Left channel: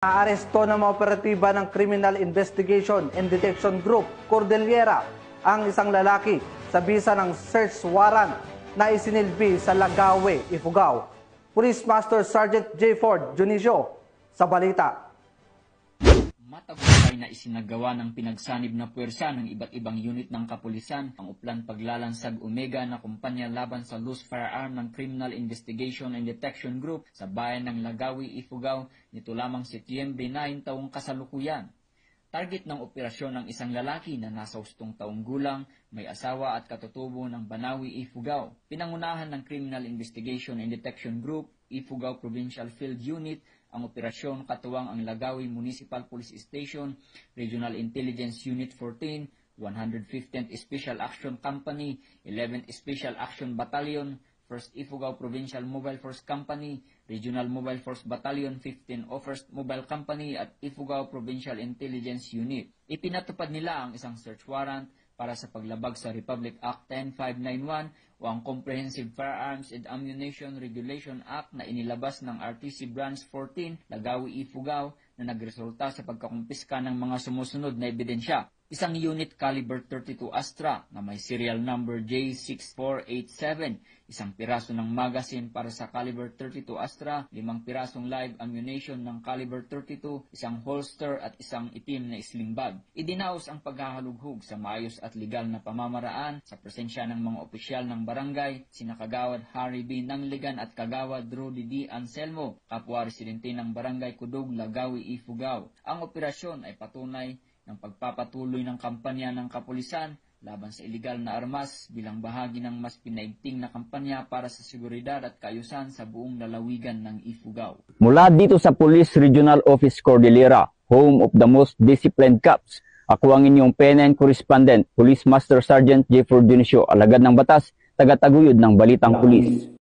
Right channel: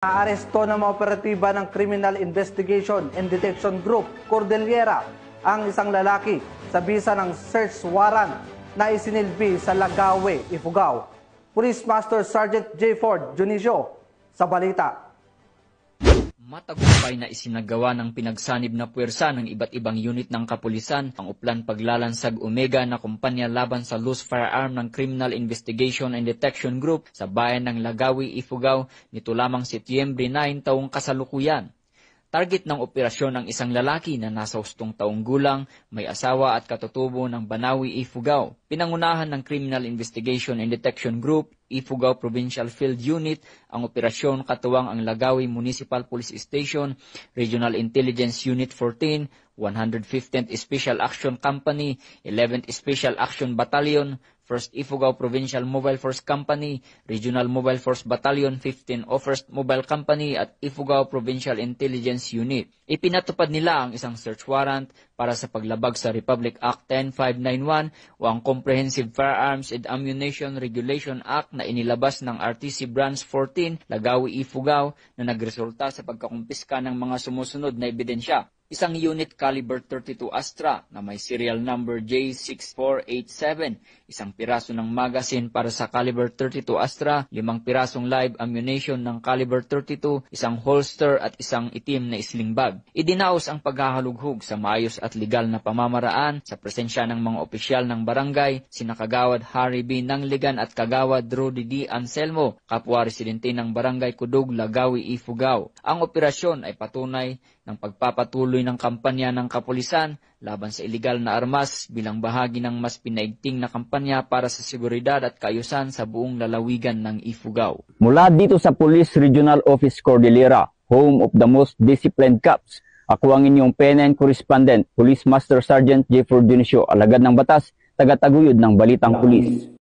Naaresto ng mga operatiba ng Criminal Investigation and Detection Group, Cordillera, ang isang lalaki sa bisa ng search warrant na isinilbi sa Lagawe, Ifugao. Police Master Sergeant J. Ford Junicio sa balita. Matagumpay na isinagawa ng pinagsanib na puwersa ng iba't ibang unit ng kapulisan ang Uplan Paglalansag Omega na kumpanya laban sa loose firearm ng Criminal Investigation and Detection Group sa bayan ng Lagawi, Ifugao nito lamang Setyembre 9 taong kasalukuyan. Target ng operasyon ang isang lalaki na nasa 8 taong gulang, may asawa at katutubo ng Banawi, Ifugao. Pinangunahan ng Criminal Investigation and Detection Group, Ifugao Provincial Field Unit, ang operasyon katuwang ang Lagawi Municipal Police Station, Regional Intelligence Unit 14, 115th Special Action Company, 11th Special Action Battalion, 1st Ifugao Provincial Mobile Force Company, Regional Mobile Force Battalion 15 o 1st Mobile Company at Ifugao Provincial Intelligence Unit. Ipinatupad nila ang isang search warrant para sa paglabag sa Republic Act 10591 o ang Comprehensive Firearms and Ammunition Regulation Act na inilabas ng RTC Branch 14, Lagawi, Ifugao na nagresulta sa pagkakumpiska ng mga sumusunod na ebidensya. Isang unit caliber 32 Astra na may serial number J6487, isang piraso ng magazine para sa caliber 32 Astra, 5 pirasong live ammunition ng caliber 32, isang holster at isang itim na sling bag. Idinaos ang paghahalughog sa maayos at legal na pamamaraan sa presensya ng mga opisyal ng barangay, sina Kagawad Harry B. Nangligan at Kagawad Rudy D. Anselmo, kapwa residente ng barangay Kudug, Lagawi, Ifugao. Ang operasyon ay patunay ng pagpapatuloy ng kampanya ng kapulisan laban sa iligal na armas bilang bahagi ng mas pinaigting na kampanya para sa seguridad at kaayusan sa buong lalawigan ng Ifugao. Mula dito sa Police Regional Office Cordillera, home of the most disciplined cops, ako ang inyong PNN correspondent, Police Master Sergeant J. Ford Junicio, alagad ng batas, tagataguyod ng Balitang Pulis.